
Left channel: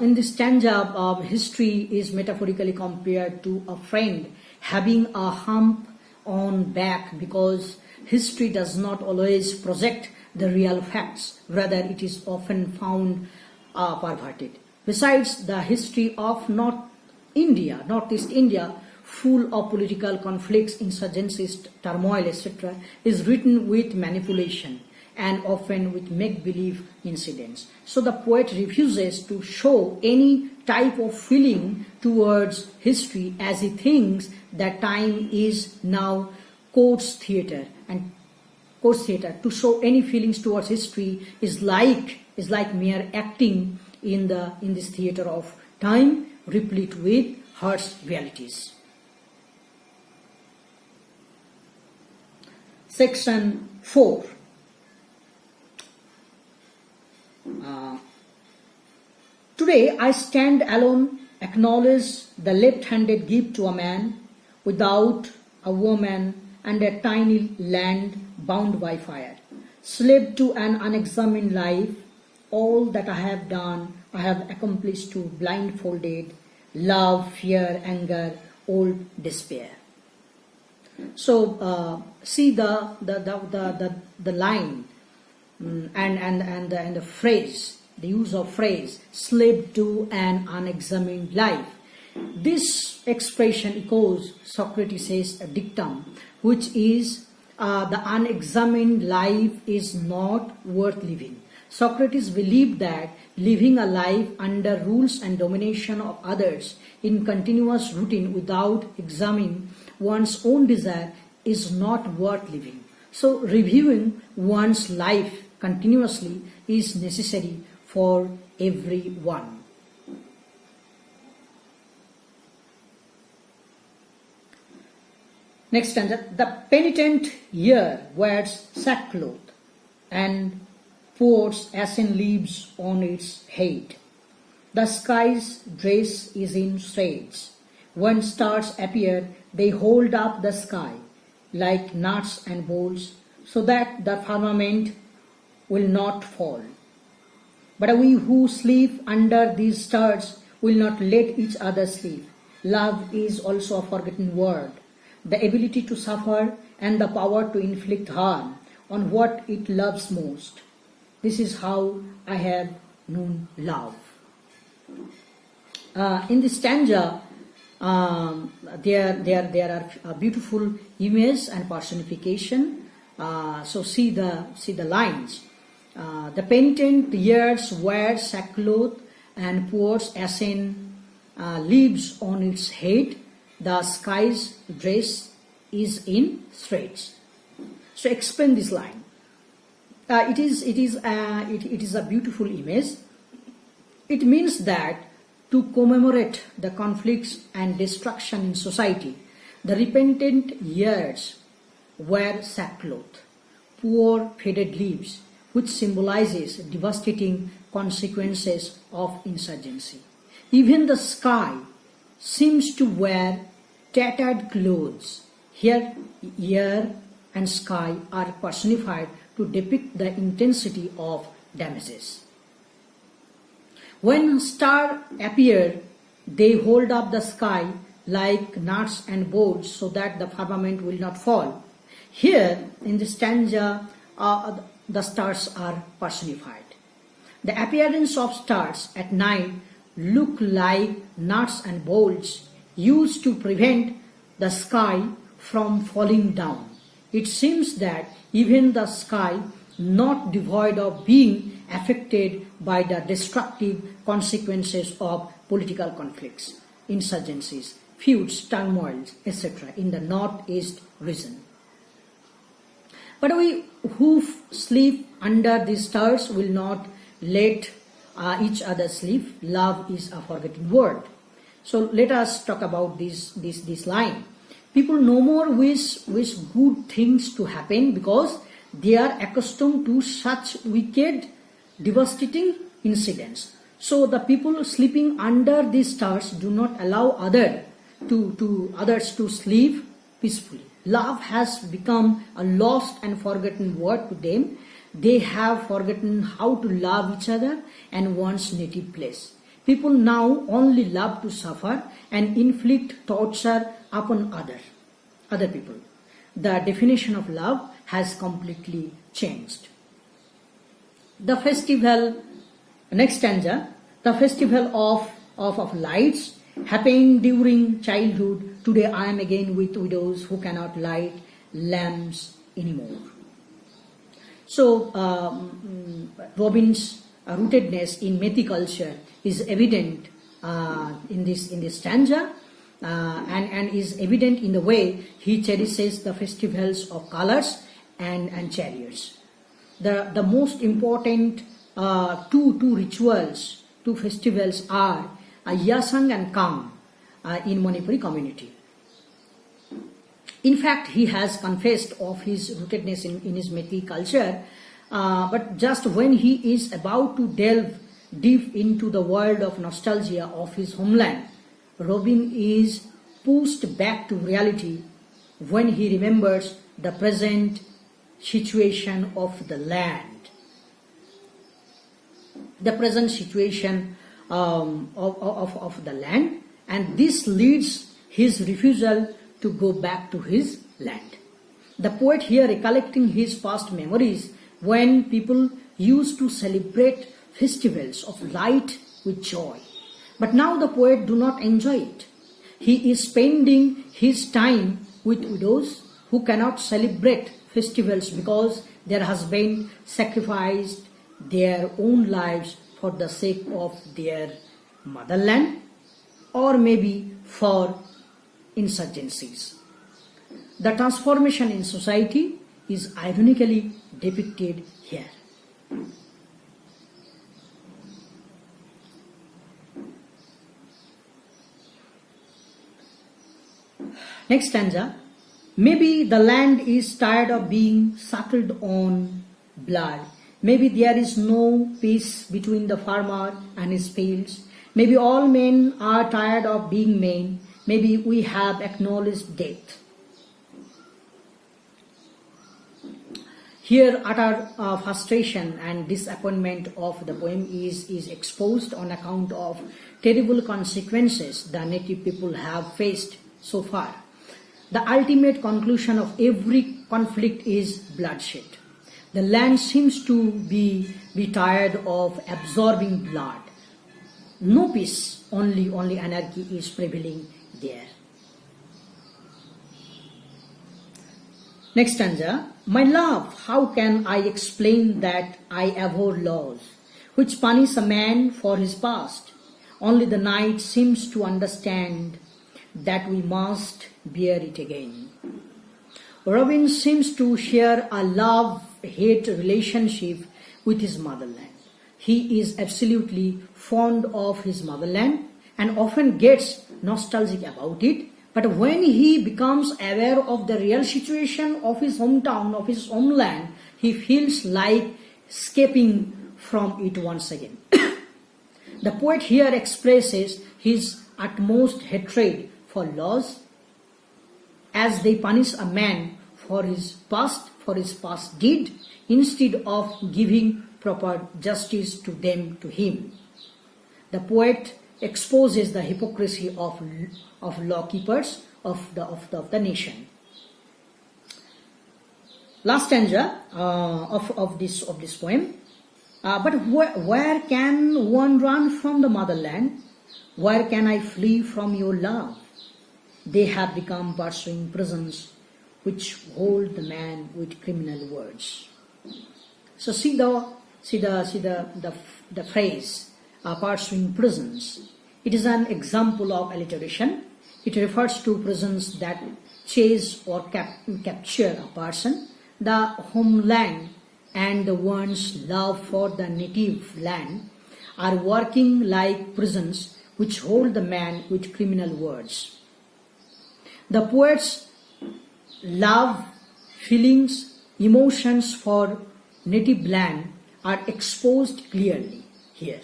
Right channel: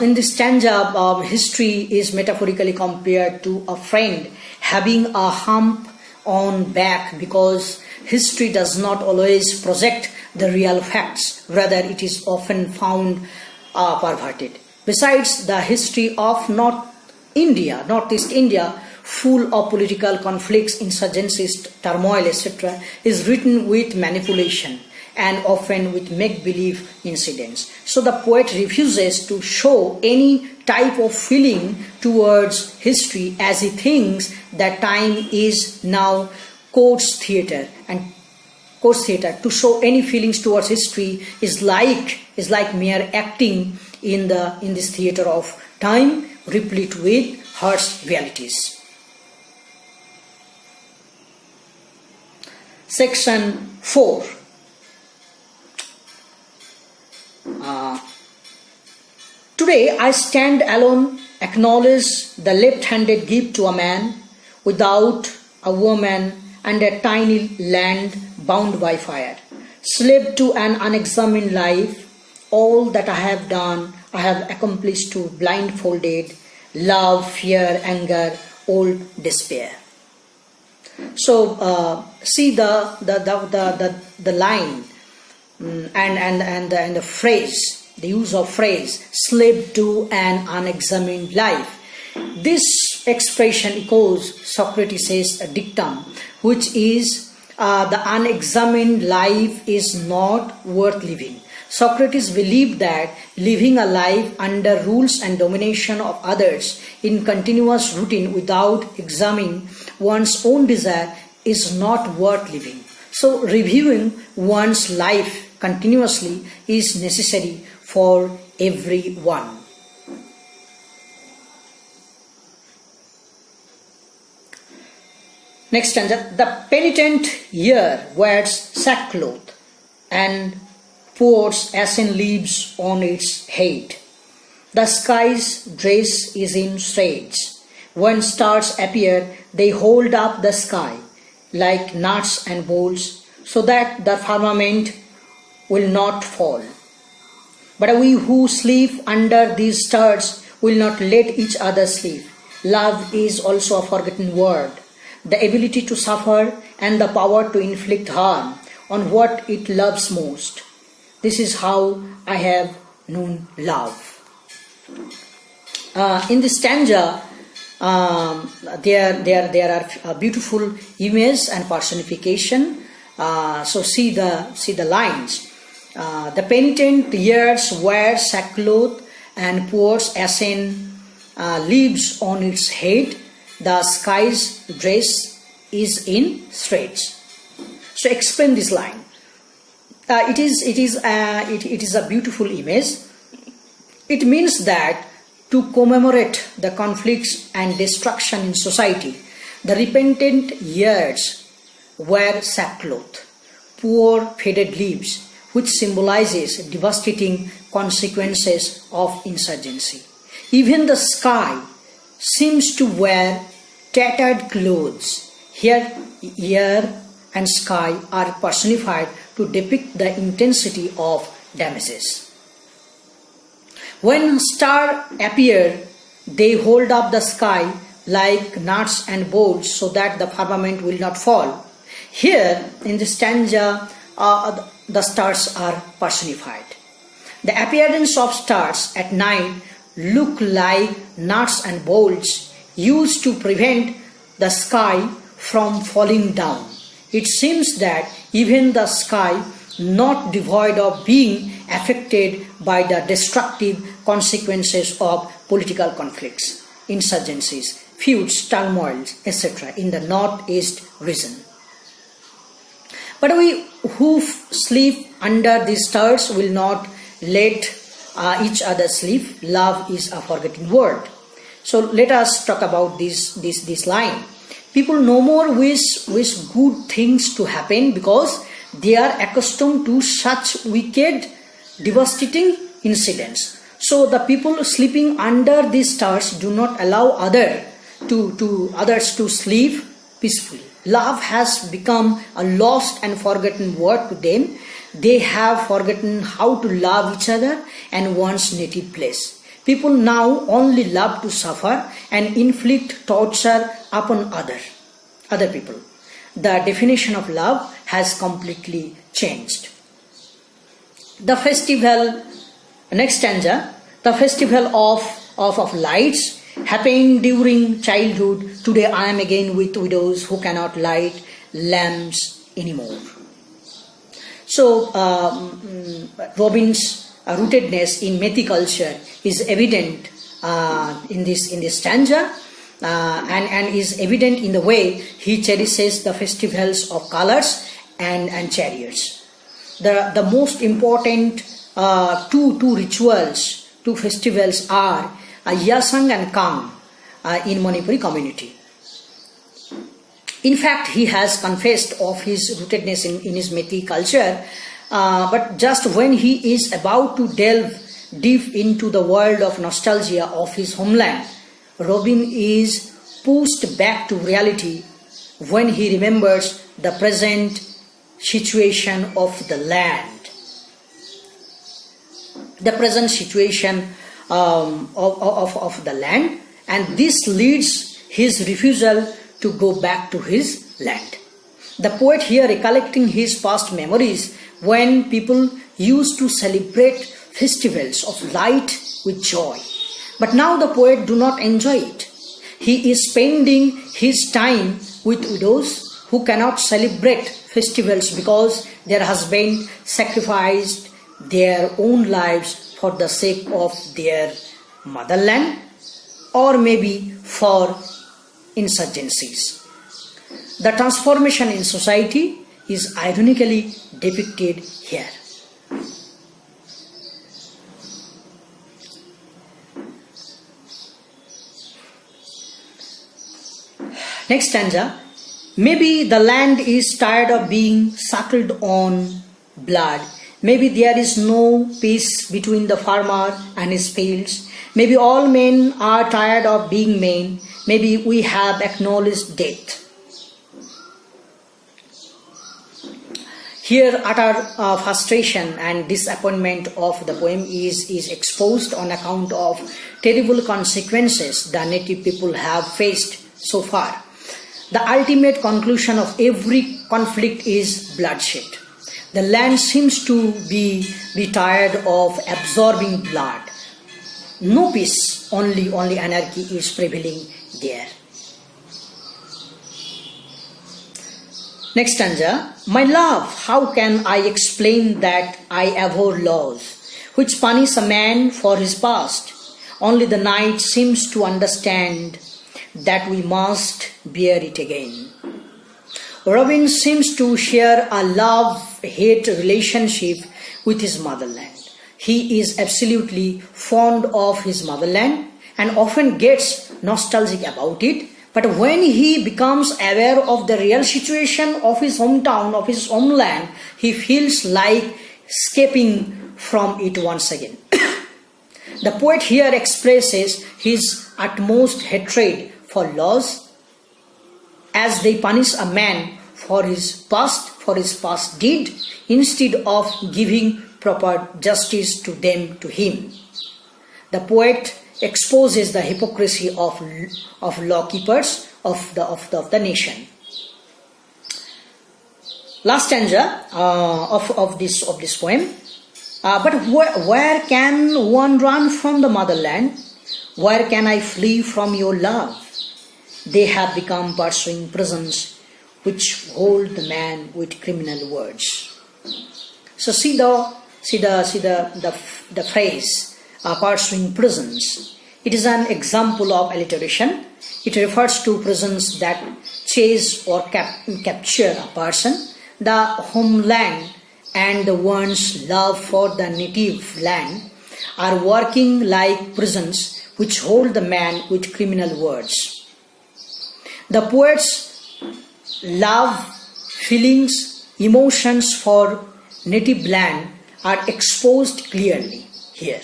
In this stanza, history is metaphorically compared to a friend having a hump on back, because history does not always project the real facts, rather it is often found perverted. Besides, the history of Northeast India, full of political conflicts, insurgencies, turmoil, etc., is written with manipulation and often with make-believe incidents. So the poet refuses to show any type of feeling towards history, as he thinks that time is now court's theatre, and court's theatre. To show any feelings towards history is like mere acting in this theatre of time, replete with harsh realities. Section 4. Today I stand alone, acknowledge the left-handed gift to a man, without a woman and a tiny land bound by fire, slave to an unexamined life. All that I have done, I have accomplished to blindfolded love, fear, anger, old despair. So see the line and the phrase, the use of phrase, slave to an unexamined life. This expression echoes Socrates' dictum, which is the unexamined life is not worth living. Socrates believed that living a life under rules and domination of others in continuous routine without examining one's own desire is not worth living. So reviewing one's life continuously is necessary for everyone. Next stanza. The penitent here wears sackcloth and pours ashen leaves on its head. The sky's dress is in shreds. When stars appear, they hold up the sky like nuts and bolts, so that the firmament will not fall. But we who sleep under these stars will not let each other sleep. Love is also a forgotten word. The ability to suffer and the power to inflict harm on what it loves most. This is how I have known love. In this stanza, there are beautiful images and personification. So see the lines. The penitent wears sackcloth and pours ashen leaves on its head. The sky's dress is in shreds. So explain this line. It is a beautiful image. It means that to commemorate the conflicts and destruction in society, the repentant years wear sackcloth, poor faded leaves, which symbolizes devastating consequences of insurgency. Even the sky seems to wear tattered clothes. Here, air and sky are personified to depict the intensity of damages. When stars appear, they hold up the sky like nuts and bolts so that the firmament will not fall. Here, in this stanza, the stars are personified. The appearance of stars at night look like nuts and bolts used to prevent the sky from falling down. It seems that even the sky, not devoid of being affected by the destructive consequences of political conflicts, insurgencies, feuds, turmoils, etc. in the northeast region. But we who sleep under these stars will not let each other sleep. Love is a forgotten word. So let us talk about this line. People no more wish good things to happen because they are accustomed to such wicked, devastating incidents. So the people sleeping under these stars do not allow others to sleep peacefully. Love has become a lost and forgotten word to them. They have forgotten how to love each other and one's native place. People now only love to suffer and inflict torture upon other people. The definition of love has completely changed. The festival, next stanza, the festival of lights happened during childhood. Today I am again with widows who cannot light lamps anymore. So Robin's rootedness in Methi culture is evident in this stanza and is evident in the way he cherishes the festivals of colors and chariots. The most important two rituals, two festivals are Yasang and Kang in Manipuri community. In fact, he has confessed of his rootedness in his Methi culture, but just when he is about to delve deep into the world of nostalgia of his homeland, Robin is pushed back to reality when he remembers the present situation of the land. The present situation of the land, and this leads his refusal to go back to his land. The poet here recollecting his past memories when people used to celebrate festivals of light with joy. But now the poet do not enjoy it. He is spending his time with widows who cannot celebrate festivals because their husband sacrificed their own lives for the sake of their motherland or maybe for insurgencies. The transformation in society is ironically depicted here. Next stanza. Maybe the land is tired of being suckled on blood. Maybe there is no peace between the farmer and his fields. Maybe all men are tired of being men. Maybe we have acknowledged death. Here utter frustration and disappointment of the poem is exposed on account of terrible consequences the native people have faced so far. The ultimate conclusion of every conflict is bloodshed. The land seems to be tired of absorbing blood. No peace, only anarchy is prevailing there. Next stanza. My love, how can I explain that I abhor laws which punish a man for his past? Only the night seems to understand that we must bear it again. Robin seems to share a love-hate relationship with his motherland. He is absolutely fond of his motherland and often gets nostalgic about it. But when he becomes aware of the real situation of his hometown, of his homeland, he feels like escaping from it once again. The poet here expresses his utmost hatred for laws as they punish a man for his past deed instead of giving proper justice to him. The poet exposes the hypocrisy of lawkeepers of the nation. Last stanza of this poem. But where can one run from the motherland? Where can I flee from your love? They have become pursuing prisons which hold the man with criminal words. So see the phrase pursuing prisons. It is an example of alliteration. It refers to prisons that chase or capture a person. The homeland and one's love for the native land are working like prisons which hold the man with criminal words. The poet's love, feelings, emotions for native land are exposed clearly here.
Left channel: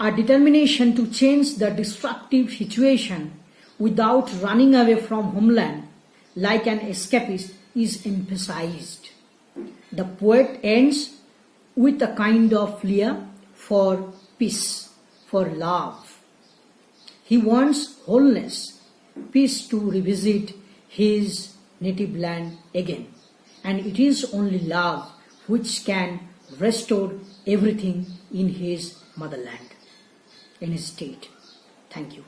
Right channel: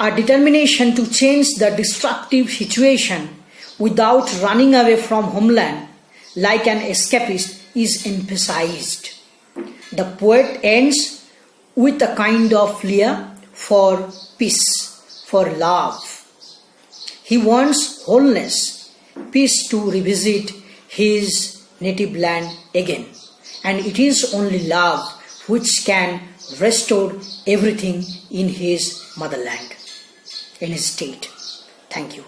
A determination to change the destructive situation without running away from homeland like an escapist is emphasized. The poet ends with a kind of plea for peace, for love. He wants wholeness, peace to revisit his native land again. And it is only love which can restore everything in his motherland, in his state. Thank you.